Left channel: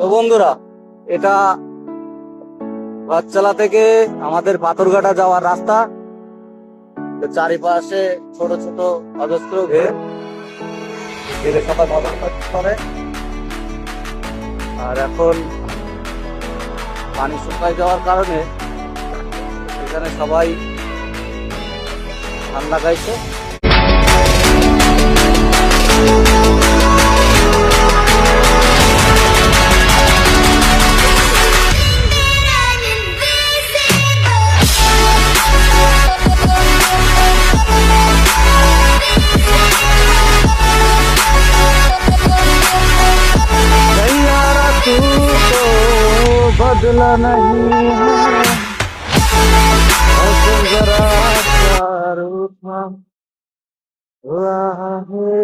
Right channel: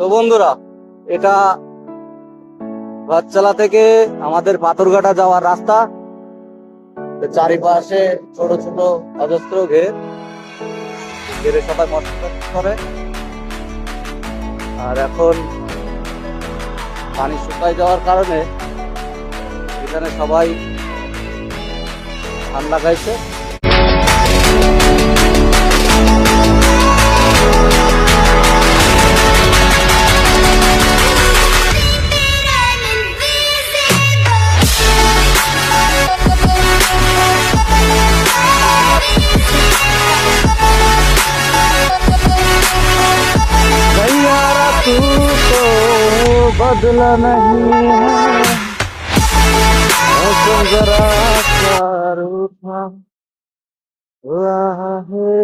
তো বন্ধুরা, এটা ভাতচালা থেকে আমাদের পাথরঘাটা যাওয়ার রাস্তা। তো চারিপাশে ছোট ছোট অজস্র ঘেরে সবাই মটর করে। আর এখন পানি শুকায় যাওয়ার কারণে এখানে সবাই ধান লাগাইছে। तू तो बदला नहीं है, मौसम जरा सा रूठा हुआ है।